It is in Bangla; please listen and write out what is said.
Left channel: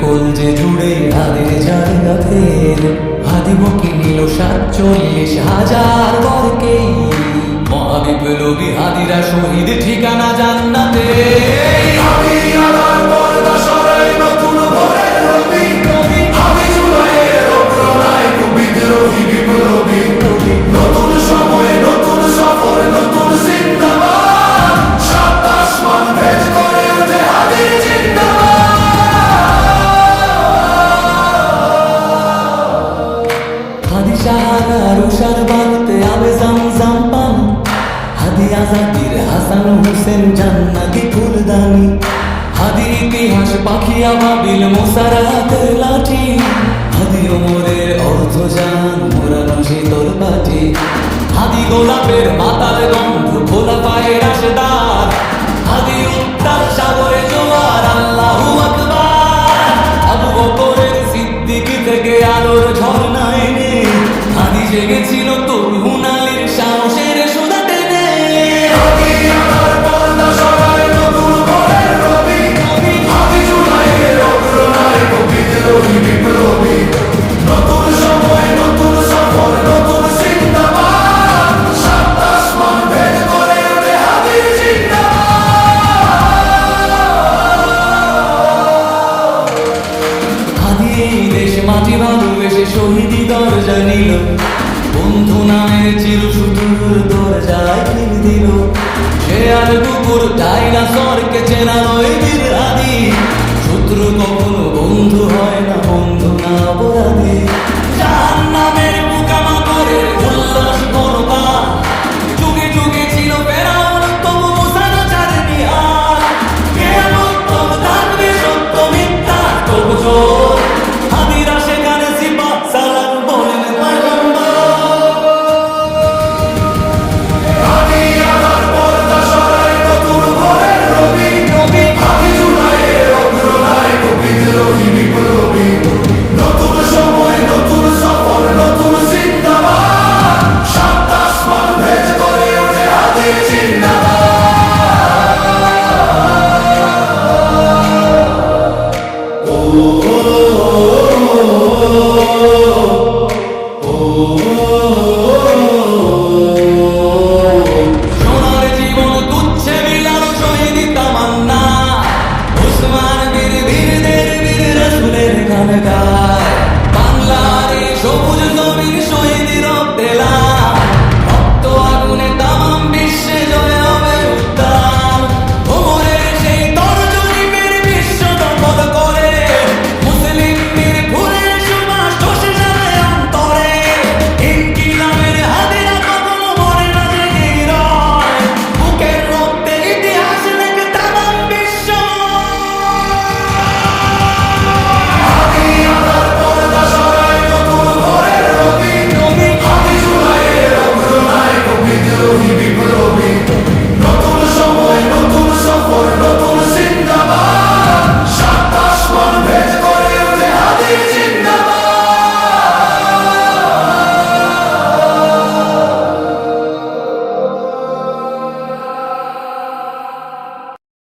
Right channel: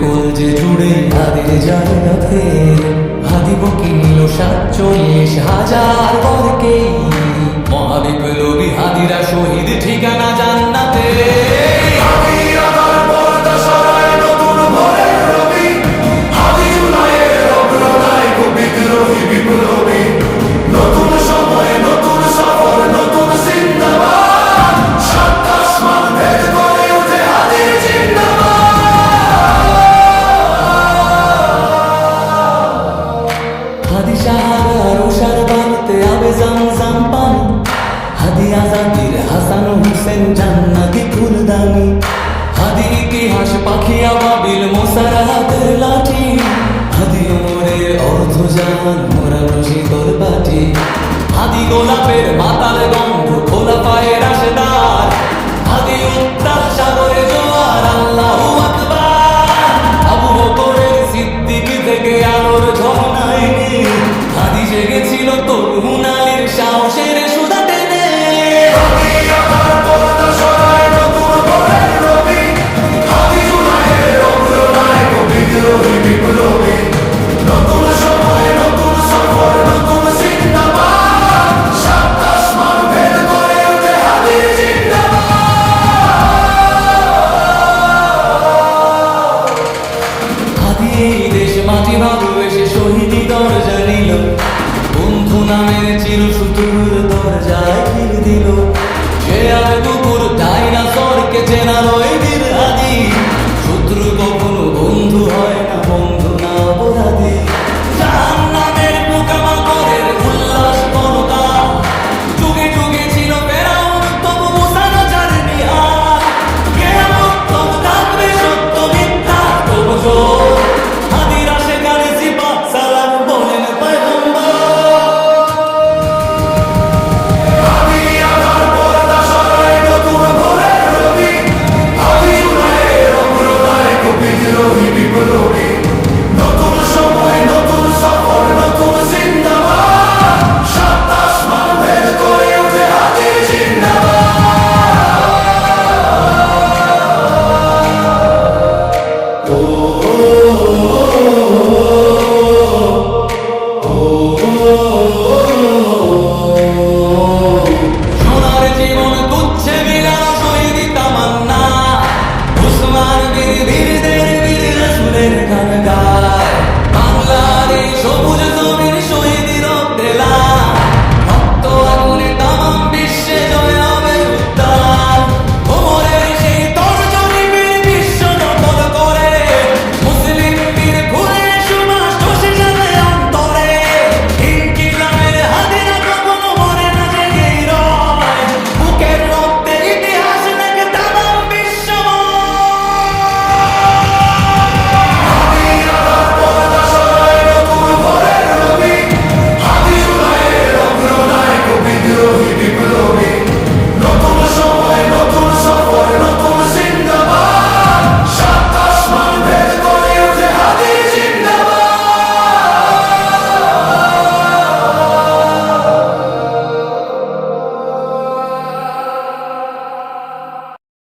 কলজে জুড়ে হাদির জায়গা ফের। হাদি বকে নিল 47,000 বরকেই। মহাবিপ্লবী হাদিরা শহীদ, ঠিকানা জান্নাতে। হাদি আবার পর্দা সরায়, নতুন ভোরের রবি। হাদি জুলাইয়ের অগ্রনায়ক, বিদ্রোহী বিপ্লবী। নতুন সময়ে নতুন সফর, নতুন জিন্দাবাদ। সাত আসমান ভেদ করে ওঠে হাদির জিন্দাবাদ। হাদি সাহারার উষার বালুতে আবে জামজাম পানি। হাদি আজাদির হাসান হুসেন জান্নাতি ফুলদানি। হাদি ইতিহাস পাখি আবাবিল মোসার হাতের লাঠি। হাদি ওমরের অর্ধজান মোরানো শীতল পাটি। হাদি গোলাপের মাতাল গন্ধ, খোলা পায়ের রাশেদার। হাদি উত্তাল সাগরে জোয়ার, আল্লাহু আকবার। আবু বকরের সিদ্দিক থেকে আলোর ঝর্ণা এনে হাদি জেগেছিল তরুণ আলীর সাহসের সুধা টেনে। হাদি আবার পর্দা সরায়, নতুন ভোরের রবি। হাদি জুলাইয়ের অগ্রনায়ক, বিদ্রোহী বিপ্লবী। নতুন সময়ে নতুন সফর, নতুন জিন্দাবাদ। সাত আসমান ভেদ করে ওঠে হাদির জিন্দাবাদ। হাদি এই দেশ মাটি ভালোবেসে শহীদি দরজা নিল। বন্ধু নামের চির সুদূর দরজায় খিল দিল। সে আর কুকুর ডাইনাসরকে চেনালো এই বীর হাদি। শত্রু কখনো বন্ধু হয় না, বন্ধু না অপরাধী। জাহান্নামের পোকামাকড়ের উল্লাস গণকাল। যুগে যুগে ছিল ফেরাউন, তবু মুসা না ছাড়েনি হাল। কিয়ামত তক থাকবে সত্য মিথ্যা তবু জোর। হাদিরা সেখানে সিফাত সালাম বলেন পয়গম্বর। হাদি আবার পর্দা সরায়, নতুন ভোরের রবি। হাদি জুলাইয়ের অগ্রনায়ক, বিদ্রোহী বিপ্লবী। নতুন সময় নতুন সফর, নতুন জিন্দাবাদ। সাত আসমান ভেদ করে ওঠে হাদির সোনার জীবন তুচ্ছে বিলানো শহীদি তামান্না। উসমান বীর বীরদের বীর রাসূলের গান গায়।